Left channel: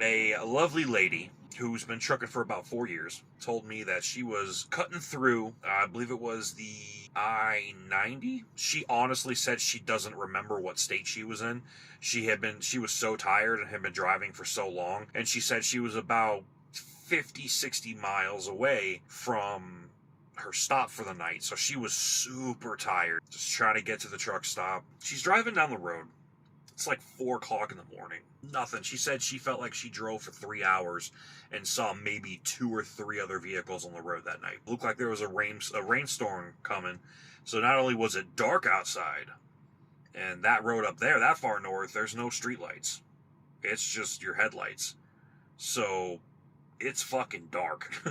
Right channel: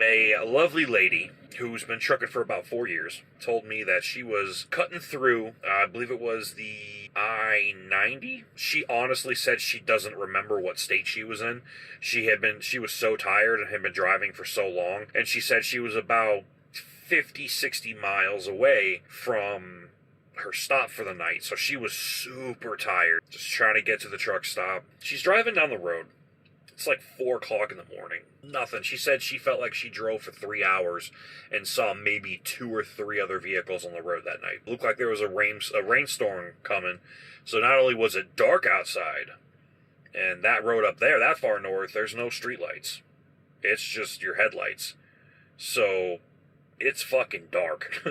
A lovely lady who's been trucking for about 4 years told me that she was cutting through, I believe it was the I-90. She honestly said she doesn't remember what state she was in. She was so tired and had been driving for so long, and she said she was about 50, 60 miles away from her stop for the night. So she was super tired, just trying to get to the truck stop. She's driving down the road. It's like 4 o'clock in the morning. Nothing. She said she felt like she drove for 3 hours and saw maybe 2 or 3 other vehicles on the road that night. It looked like there was a rainstorm coming. So not only was it dark outside, and that road up there, that far north, there's no streetlights. It's just your headlights. So it's fucking dark.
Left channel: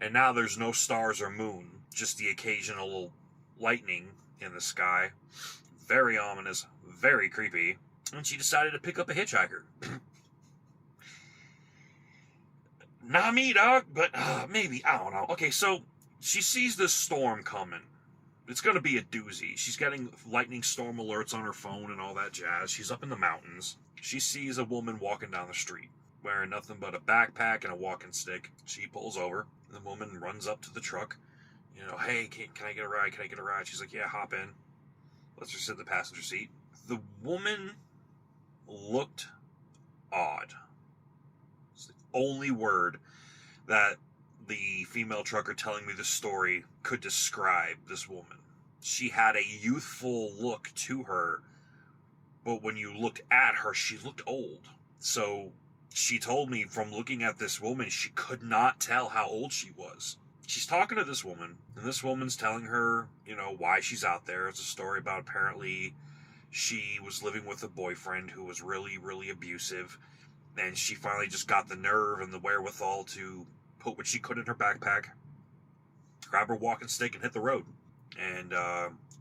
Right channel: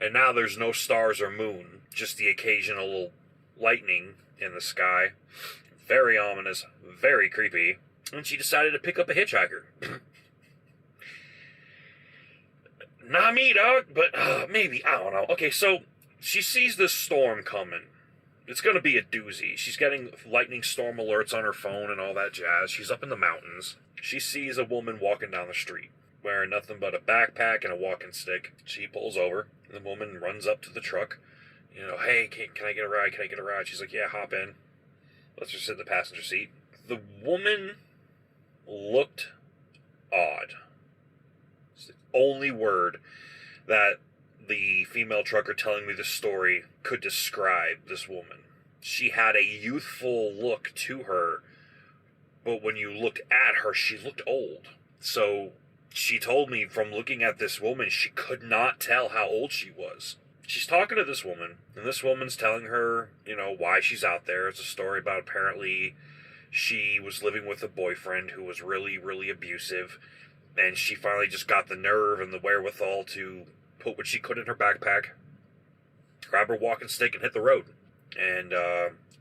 And now there's no stars or moon, just the occasional lightning in the sky. Very ominous, very creepy. And she decided to pick up a hitchhiker. Not me, dog, but maybe. I don't know. Okay, so she sees this storm coming. It's going to be a doozy. She's getting lightning storm alerts on her phone and all that jazz. She's up in the mountains. She sees a woman walking down the street, wearing nothing but a backpack and a walking stick. She pulls over. The woman runs up to the truck. You know, hey, can I get a ride? Can I get a ride? She's like, yeah, hop in. Let's just sit in the passenger seat. The woman looked odd. It's the only word that the female trucker telling me this story could describe this woman. She had a youthful look to her, but when you looked at her, she looked old. So she told me from looking at this woman, she could not tell how old she was. She's talking to this woman, and this woman's telling her, you know, why she's out there. It's a story about apparently she was living with a boyfriend who was really, really abusive, and she finally just got the nerve and the wherewithal to put what she could in her backpack, grab her walking stick, and hit the road. And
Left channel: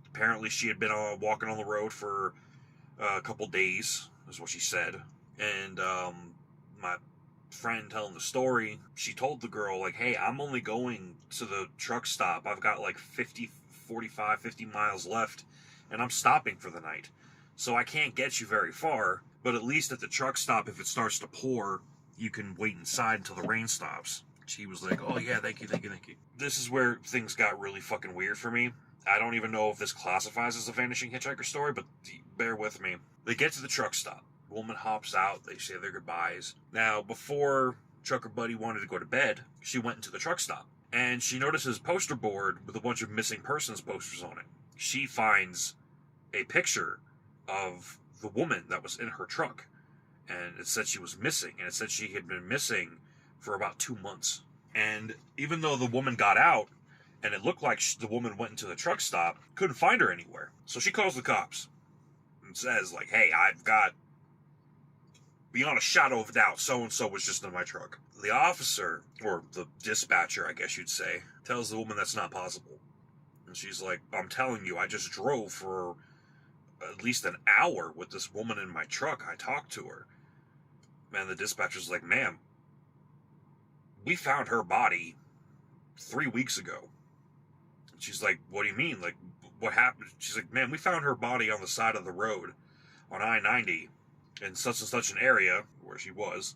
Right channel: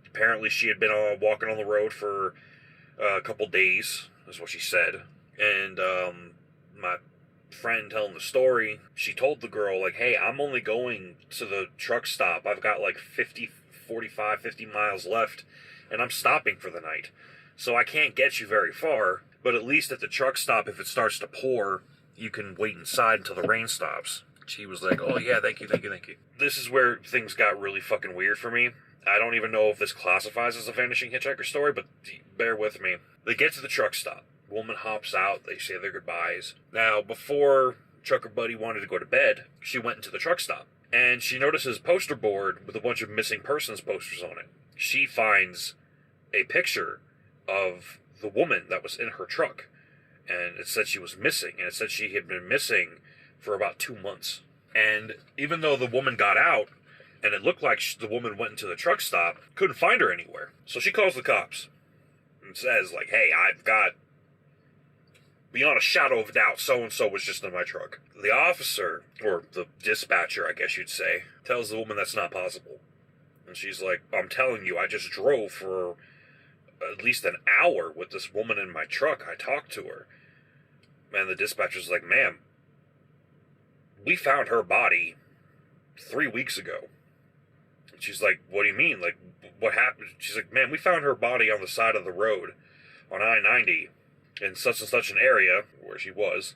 apparently she had been walking on the road for a couple days, is what she said. And my friend telling the story, she told the girl, like, hey, I'm only going to the truck stop. I've got like 50 miles left, and I'm stopping for the night. So I can't get you very far, but at least at the truck stop, if it starts to pour, you can wait inside until the rain stops. She was like, oh yeah, thank you. This is where things got really fucking weird for me. I don't even know if this classifies as a Vanishing Hitchhiker story, but bear with me. They get to the truck stop. Woman hops out. They say their goodbyes. Now, before Trucker Buddy wanted to go to bed, she went into the truck stop. And she notices a poster board with a bunch of missing persons posters on it. She finds a picture of the woman that was in her truck. And it said she was missing. And it said she had been missing for about 2 months. And even though the woman got out, and it looked like the woman went into the truck stop, couldn't find her anywhere. So she calls the cops and says, like, hey, I've got, beyond a shadow of a doubt, so-and-so was just in my truck. The officer, or the dispatcher, I guess you'd say, tells the woman that's not possible. And she's like, I'm telling you, I just drove for at least an hour with this woman in my truck. I talked to her. And the dispatcher's like, ma'am, we found her body 3 weeks ago. And she's like, what do you mean? Like, what happened? She's like, man, we found her body on the side of the road on I-90 in such and such an area where she was.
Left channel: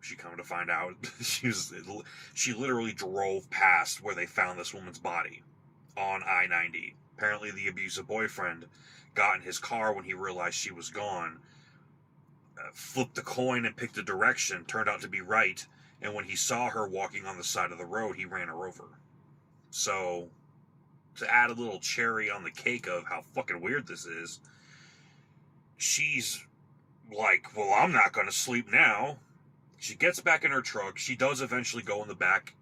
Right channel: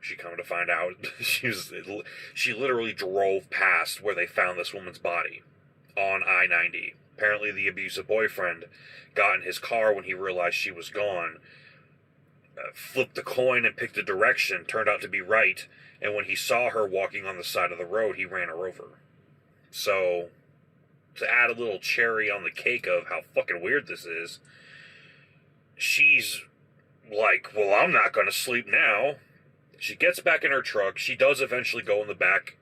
She come to find out she literally drove past where they found this woman's body on I-90. Apparently the abusive boyfriend got in his car when he realized she was gone, flipped the coin and picked a direction, turned out to be right, and when he saw her walking on the side of the road, he ran her over. So, to add a little cherry on the cake of how fucking weird this is, she's like, well, I'm not going to sleep now. She gets back in her truck. She does eventually go in the back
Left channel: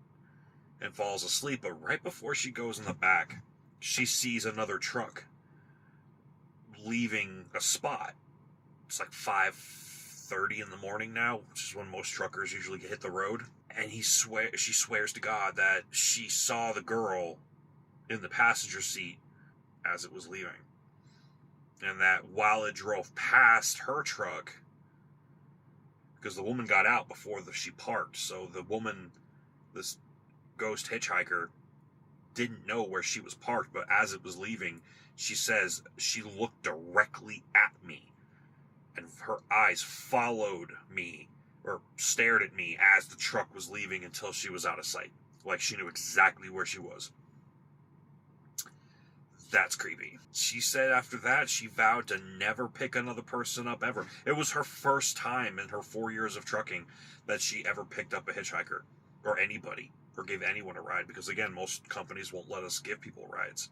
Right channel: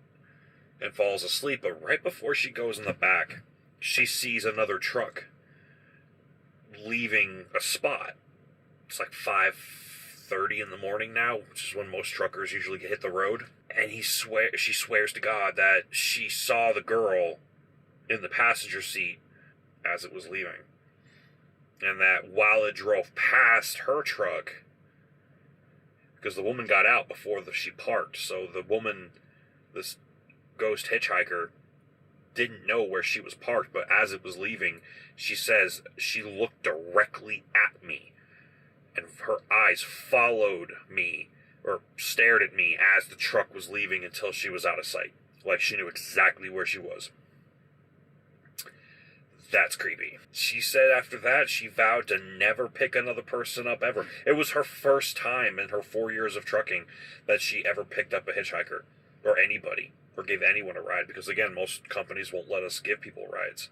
and falls asleep, but right before she goes in the back, she sees another truck leaving a spot. It's like 5:30 in the morning now, which is when most truckers usually hit the road. And she swears to God that she saw the girl in the passenger seat as it was leaving. And that while it drove past her truck, because the woman got out before she parked, so the woman, this ghost hitchhiker, didn't know where she was parked, but as it was leaving, she says she looked directly at me, and her eyes followed me, stared at me as the truck was leaving until she was out of sight. Like she knew exactly where she was. That's creepy. She said after that, she vowed to never pick another person up ever. It was her first time in her 4 years of trucking that she ever picked up a hitchhiker or anybody or gave anyone a ride. Because again, most companies won't let us give people rides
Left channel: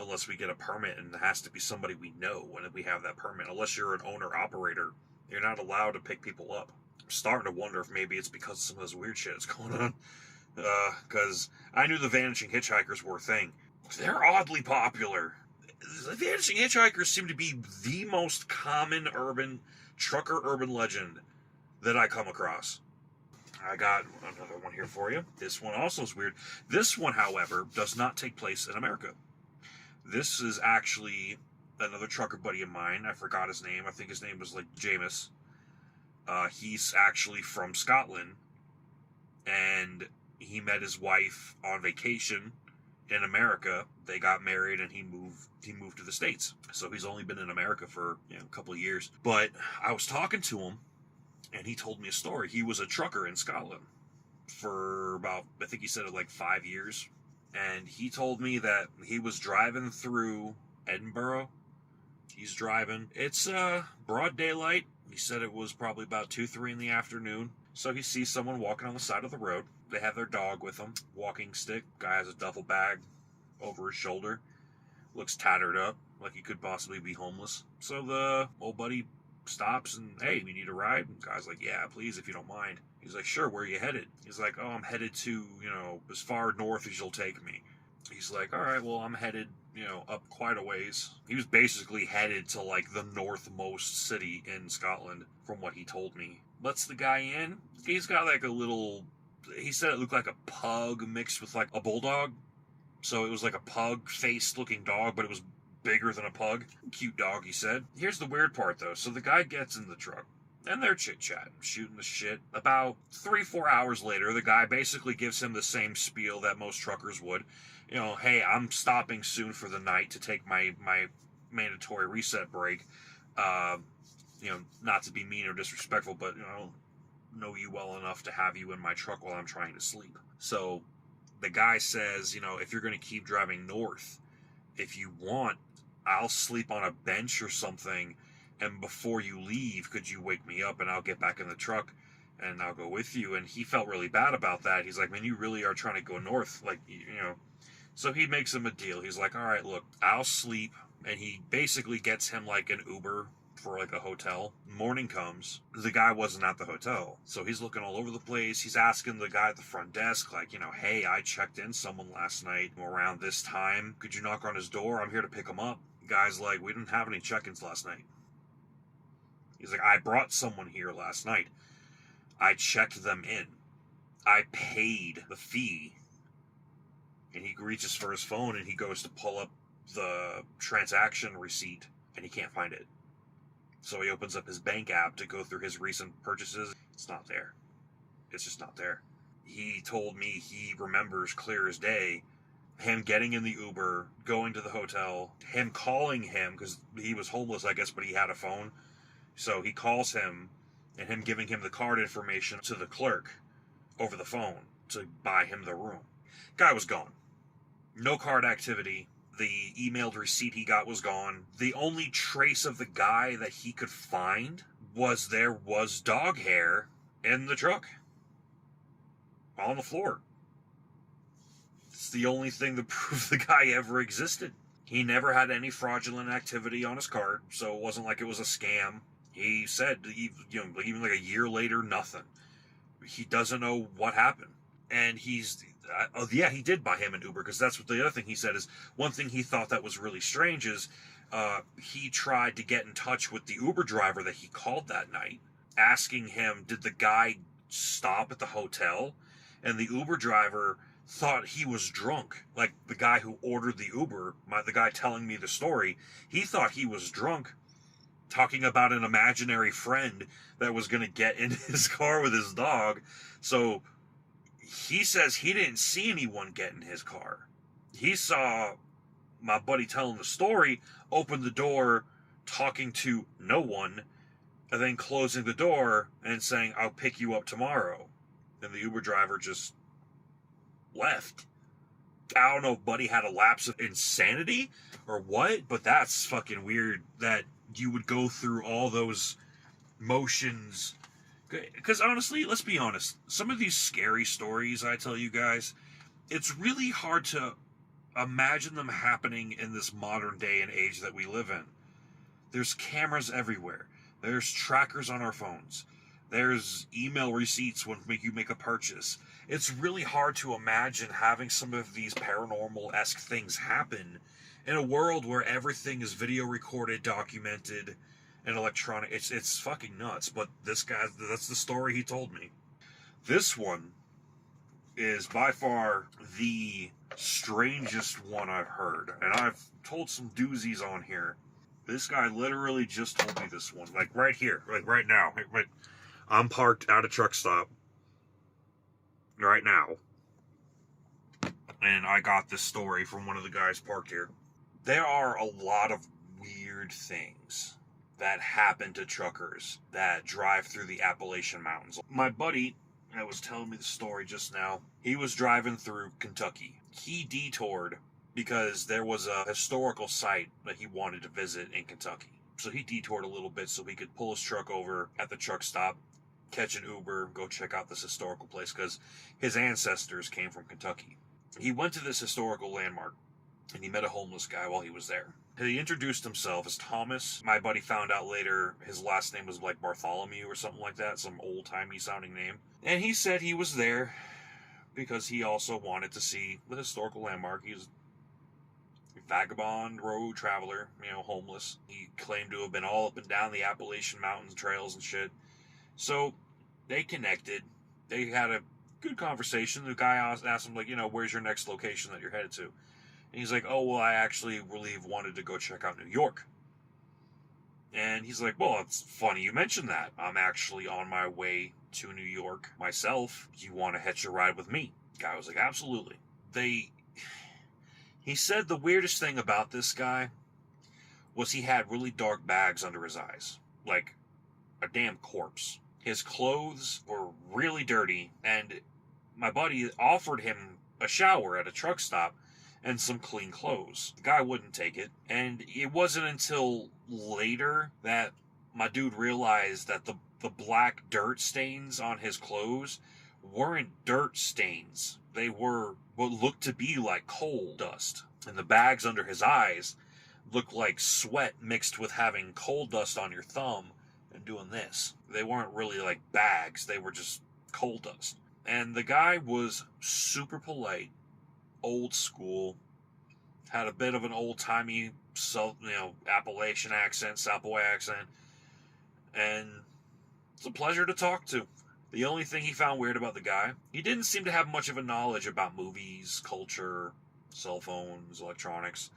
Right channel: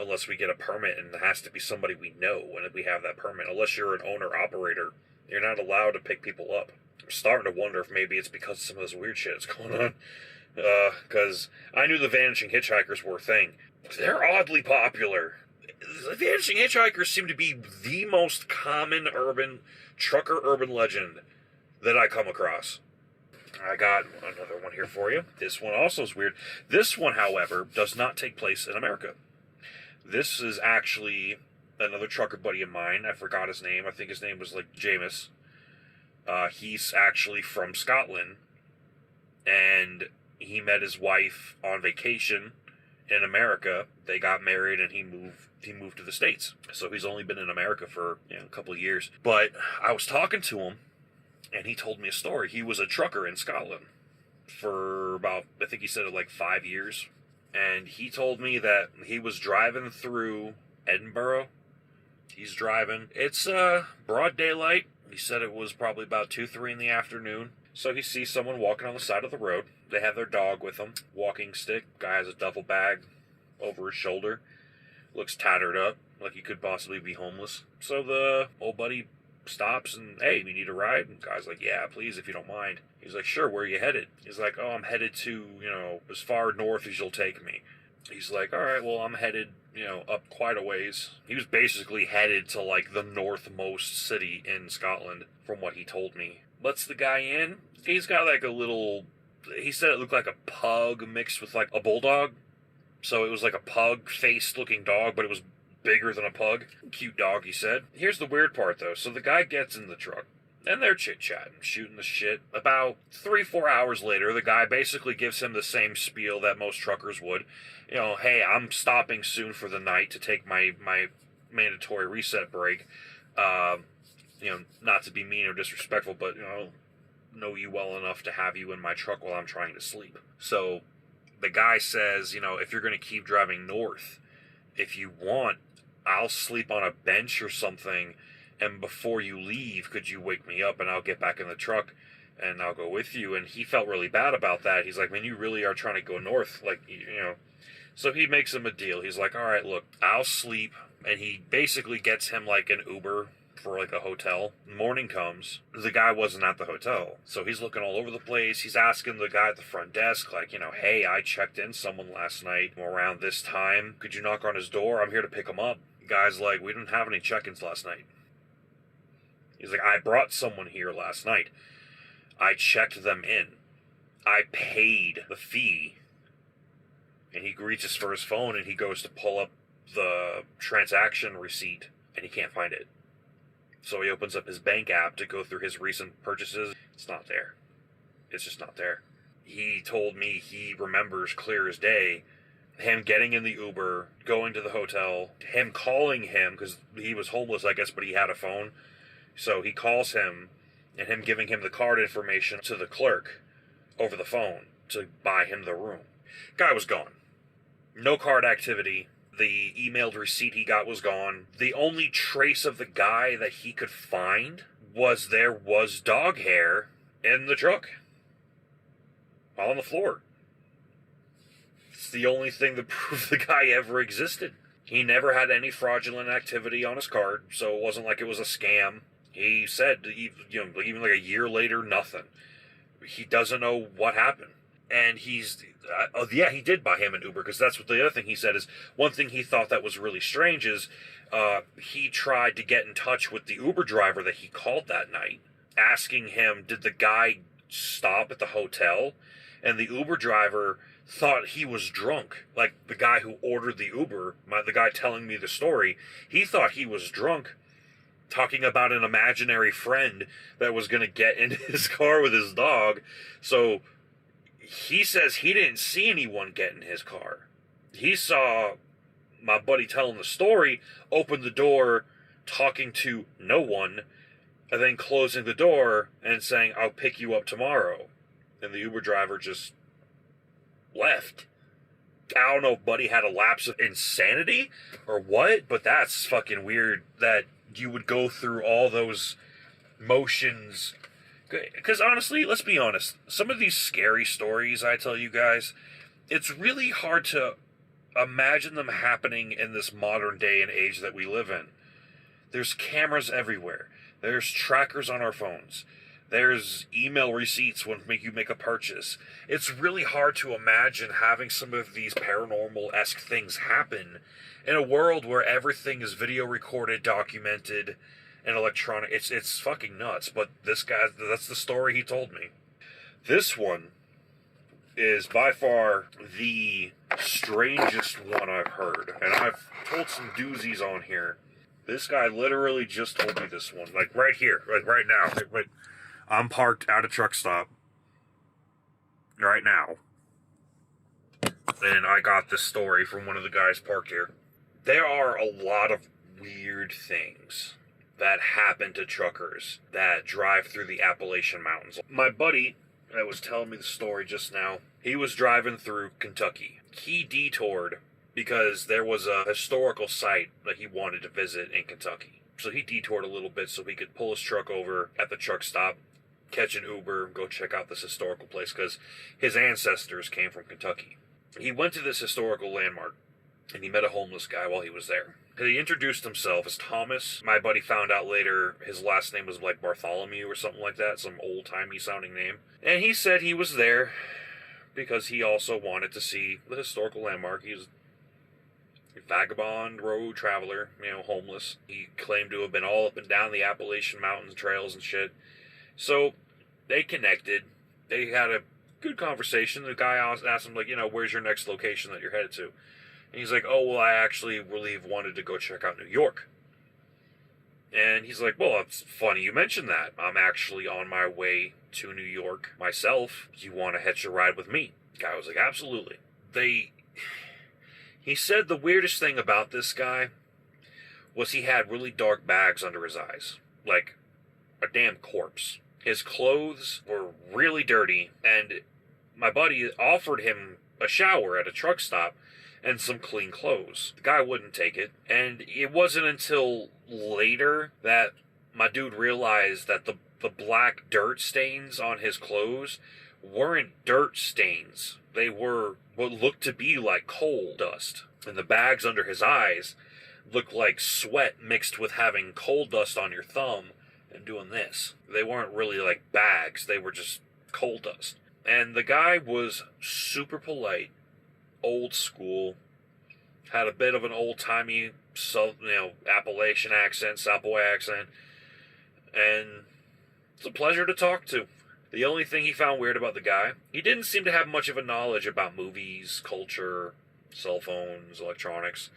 unless we get a permit, and it has to be somebody we know when we have that permit. Unless you're an owner-operator, you're not allowed to pick people up. I'm starting to wonder if maybe it's because of some of this weird shit that's going on. Because I knew the Vanishing Hitchhikers were a thing. They're oddly popular. The Vanishing Hitchhikers seem to be the most common trucker urban legend that I come across. I got another one here for you. This one also is weird. This one, however, does not take place in America. This is actually another trucker buddy of mine. I forgot his name. I think his name was like Jameis. He's actually from Scotland, and he met his wife on vacation in America. They got married, and he moved to the States. So he's only been in America for a couple of years. But I was talking to him, and he told me a story. He was a trucker in Scotland for about, I think he said it like 5 years. And he told me that he was driving through Edinburgh. He's driving. It's broad daylight. He said it was probably about 2, 3 in the afternoon. So he sees someone walking on the side of the road. They have their dog with them, walking stick. Guy has a duffel bag over his shoulder. Looks tattered up, like he could possibly be homeless. So the old buddy stops and, hey, you need a ride? And the guy's like, yeah, please, if you don't mind. He's like, sure, where are you headed? He's like, oh, I'm headed to, as far north as you'll take me. He's like, all right, well, I'm headed, up quite a ways. He was basically headed to, like, the northmost city in Scotland, from what he told me. Lets the guy in. He's got, like, a little... He said it looked like a pug mixed with, like, a bulldog. So it was like a pug-faced looking dog, but it was bigger than a pug. Cute dog, he said. Here's the weird part, though. So the guy gets in the truck, and they're chit-chatting, shooting the shit. About 3-4 hours later, the guy basically gives him the same spiel that most truckers would. Hey, I'm stopping soon for the night to take my mandatory reset break. Not to be mean or disrespectful, but, know you well enough to have you in my truck while I'm trying to sleep. So the guy says, if you're going to keep driving north, if you want, I'll sleep on a bench or something, and before you leave, could you wake me up and I'll get back in the truck and I'll go with you? And he felt really bad about that. He's like, man, you really are trying to go north, like, So he makes him a deal. He's like, all right, look, I'll sleep. And he basically gets him like an Uber for like a hotel. Morning comes, the guy wasn't at the hotel, so he's looking all over the place. He's asking the guy at the front desk, like, hey, I checked in someone last night around this time. Could you knock on his door? I'm here to pick him up. The guy's like, we didn't have any check-ins last night. He's like, I brought someone here last night. I checked them in. I paid the fee. And he reaches for his phone and he goes to pull up the transaction receipt and he can't find it. So he opens up his bank app to go through his recent purchases. It's not there. It's just not there. He told me he remembers clear as day him getting in the Uber, going to the hotel, him calling him, because he was homeless, I guess, but he had a phone. So he calls him, and him giving him the card information to the clerk over the phone to buy him the room. Guy was gone. No card activity. The emailed receipt he got was gone. The only trace of the guy that he could find was there was dog hair in the truck. On the floor. It's the only thing that proved the guy ever existed. He never had any fraudulent activity on his card, so it wasn't like it was a scam. He said, even like a year later, nothing. He doesn't know what happened. And he did buy him an Uber, because that's what the other thing he said is, one thing he thought that was really strange is, he tried to get in touch with the Uber driver that he called that night, asking him, did the guy stop at the hotel? And the Uber driver thought he was drunk. Like, the guy who ordered the Uber, the guy telling me the story, he thought he was drunk, talking about an imaginary friend that was going to get in his car with his dog. So he says he didn't see anyone get in his car. He saw my buddy telling the story, open the door, talking to no one, and then closing the door and saying, "I'll pick you up tomorrow." And the Uber driver just left. I don't know if Buddy had a lapse of insanity or what, but that's fucking weird that you would go through all those motions. Because honestly, let's be honest, some of these scary stories I tell you guys, it's really hard to imagine them happening in this modern day and age that we live in. There's cameras everywhere. There's trackers on our phones. There's email receipts when you make a purchase. It's really hard to imagine having some of these paranormal-esque things happen in a world where everything is video recorded, documented, and electronic. It's fucking nuts. But this guy, that's the story he told me. This one is by far the strangest one I've heard. And I've told some doozies on here. This guy literally just told me this one. Like right here. Like right now. I'm parked at a truck stop right now, and I got this story from one of the guys parked here. There are a lot of weird things that happen to truckers that drive through the Appalachian Mountains. My buddy that was telling me the story just now, he was driving through Kentucky. He detoured because there was a historical site that he wanted to visit in Kentucky. So he detoured a little bit so he could pull his truck over at the truck stop, catch an Uber, go check out this historical place because his ancestors came from Kentucky. He went to this historical landmark and he met a homeless guy while he was there. He introduced himself as Thomas. My buddy found out later his last name was like Bartholomew or something like that, some old-timey sounding name. And he said he was there because he also wanted to see the historical landmark. He was a vagabond, road traveler, homeless. He claimed to have been all up and down the Appalachian Mountains trails and shit. So they connected. They had a good conversation. The guy asked him, like, where's your next location that you're headed to? And he's like, oh, well, I actually really wanted to go check out New York. And he's like, well, it's funny you mentioned that. I'm actually on my way to New York myself. Do you want to hitch a ride with me? The guy was like, absolutely. He said the weirdest thing about this guy was he had really dark bags under his eyes. Like a damn corpse. His clothes were really dirty, and my buddy offered him a shower at a truck stop and some clean clothes. The guy wouldn't take it, and it wasn't until later that my dude realized that the black dirt stains on his clothes weren't dirt stains. They were what looked to be like coal dust. And the bags under his eyes looked like sweat mixed with having coal dust on your thumb and doing this. They weren't really like bags, they were just coal dust. And the guy was super polite, old school, had a bit of an old-timey Appalachian accent, South Boy accent, and it's a pleasure to talk to. The only thing he found weird about the guy, he didn't seem to have much of a knowledge about movies, culture, cell phones, electronics.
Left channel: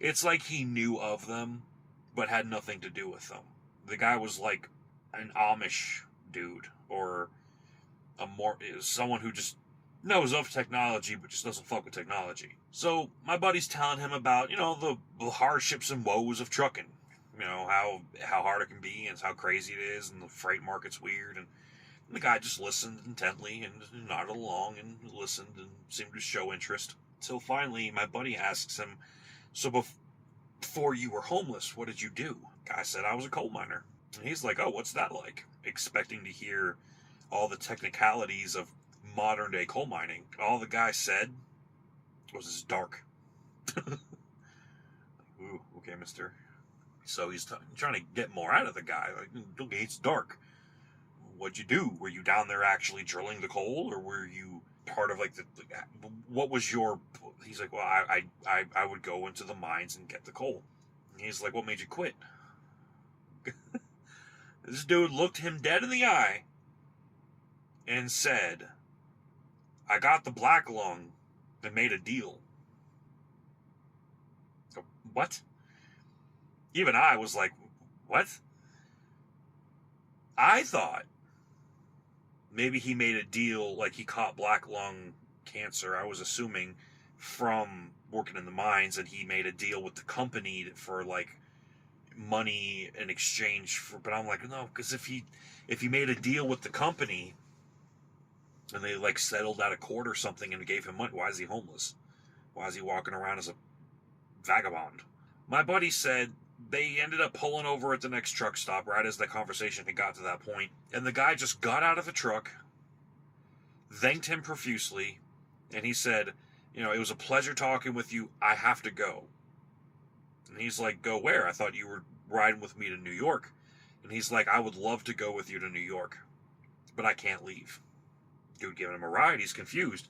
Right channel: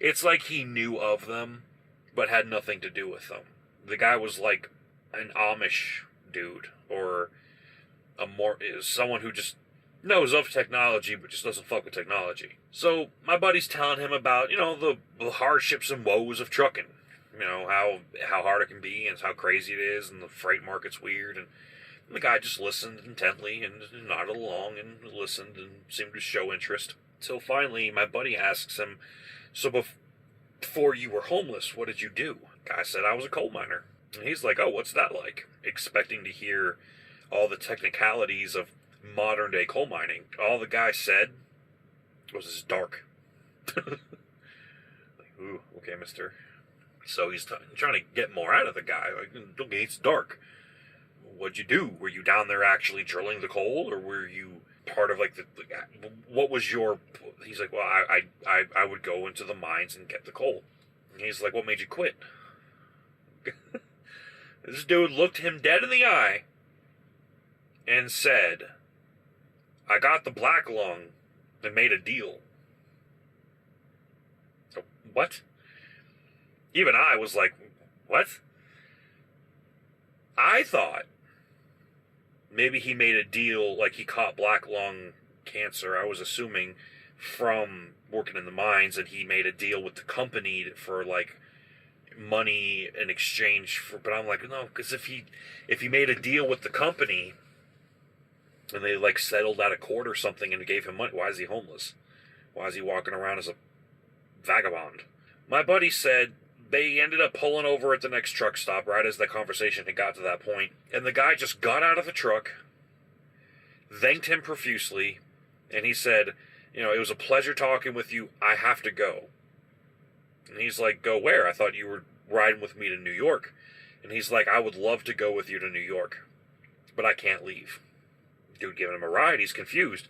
It's like he knew of them, but had nothing to do with them. The guy was like an Amish dude, or someone who just knows of technology, but just doesn't fuck with technology. So my buddy's telling him about, the hardships and woes of trucking. How hard it can be and how crazy it is, and the freight market's weird. And the guy just listened intently and nodded along and listened and seemed to show interest. Till finally, my buddy asks him, so before you were homeless, what did you do? The guy said, I was a coal miner. And he's like, oh, what's that like? Expecting to hear all the technicalities of modern day coal mining. All the guy said was it's dark. Like, ooh, okay, mister. So he's trying to get more out of the guy. Like, okay, it's dark. What'd you do? Were you down there actually drilling the coal, or were you part of what was your? He's like, well, I would go into the mines and get the coal. And he's like, what made you quit? This dude looked him dead in the eye and said, I got the black lung and made a deal. So, what? Even I was like, what? I thought maybe he made a deal, like he caught black lung cancer, I was assuming, from working in the mines, and he made a deal with the company for money in exchange for, but I'm like, no, because if he made a deal with the company and they like settled out of court or something and gave him money, why is he homeless? Why is he walking around as a vagabond? My buddy said they ended up pulling over at the next truck stop right as the conversation had got to that point, and the guy just got out of the truck, thanked him profusely, and he said, it was a pleasure talking with you. I have to go. And he's like, go where? I thought you were riding with me to New York. And he's like, I would love to go with you to New York, but I can't leave. Dude giving him a ride. He's confused.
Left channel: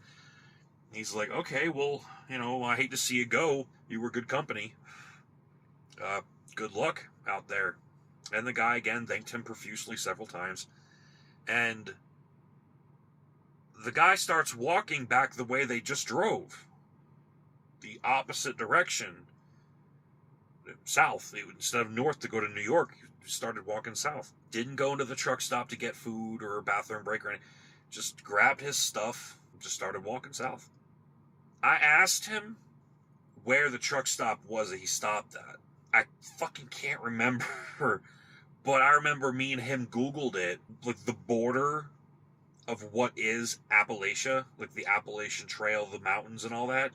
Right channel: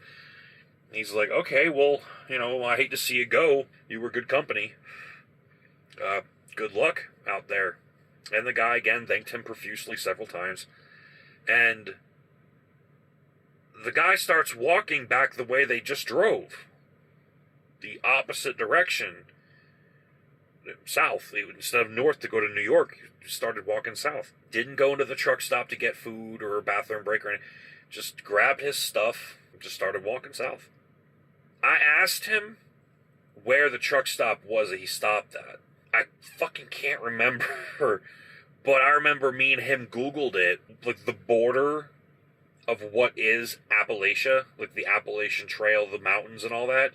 He's like, okay, well, I hate to see you go. You were good company. Good luck out there. And the guy, again, thanked him profusely several times. And the guy starts walking back the way they just drove. The opposite direction. South. Instead of north to go to New York, he started walking south. Didn't go into the truck stop to get food or a bathroom break or anything. Just grabbed his stuff and just started walking south. I asked him where the truck stop was that he stopped at. I fucking can't remember. But I remember me and him Googled it. Like the border of what is Appalachia, like the Appalachian Trail, the mountains and all that.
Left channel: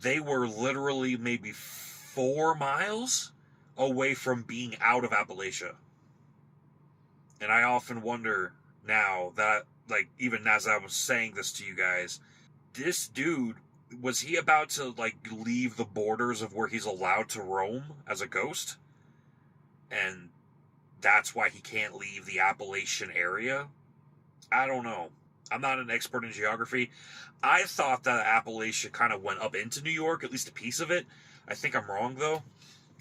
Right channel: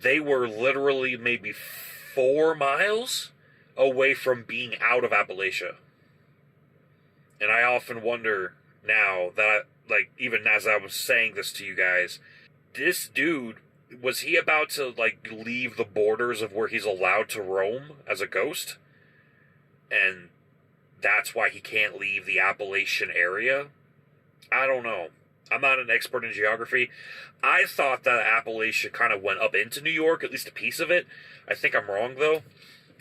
They were literally maybe 4 miles away from being out of Appalachia. And I often wonder now that, like, even as I was saying this to you guys, this dude, was he about to, like, leave the borders of where he's allowed to roam as a ghost? And that's why he can't leave the Appalachian area? I don't know. I'm not an expert in geography. I thought that Appalachia kind of went up into New York, at least a piece of it. I think I'm wrong, though.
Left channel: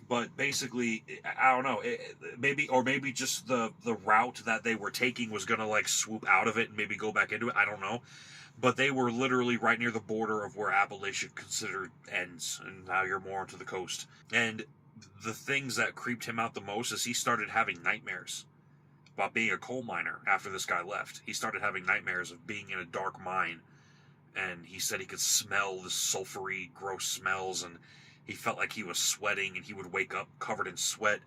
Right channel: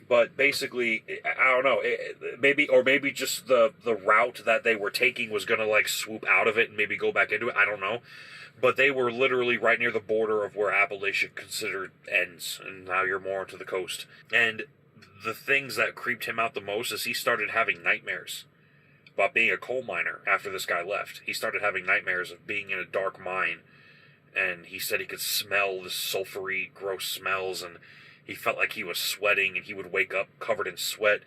But basically, I don't know. Maybe just the route that they were taking was going to, like, swoop out of it and maybe go back into it. I don't know. But they were literally right near the border of where Appalachia considered ends. And now you're more onto the coast. And the things that creeped him out the most is he started having nightmares about being a coal miner after this guy left. He started having nightmares of being in a dark mine. And he said he could smell the sulfury, gross smells, and he felt like he was sweating, and he would wake up covered in sweat.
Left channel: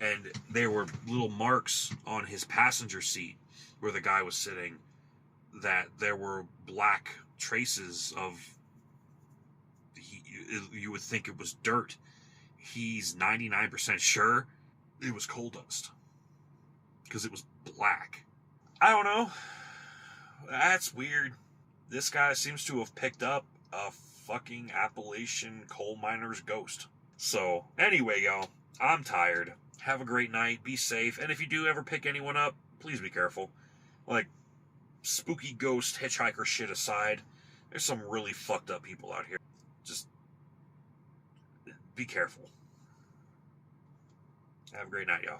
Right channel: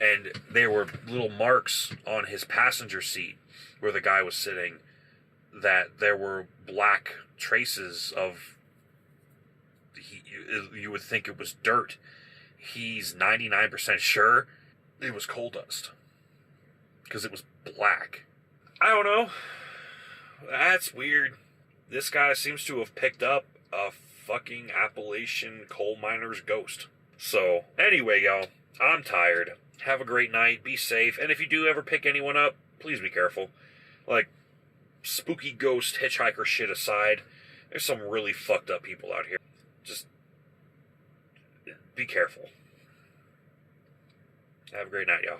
And there were little marks on his passenger seat where the guy was sitting that there were black traces of, you would think it was dirt. He's 99% sure it was coal dust because it was black. I don't know. That's weird. This guy seems to have picked up a fucking Appalachian coal miner's ghost. So, anyway, y'all, I'm tired. Have a great night. Be safe. And if you do ever pick anyone up, please be careful. Like, spooky ghost hitchhiker shit aside, there's some really fucked up people out here. Just be careful. Have a great night, y'all.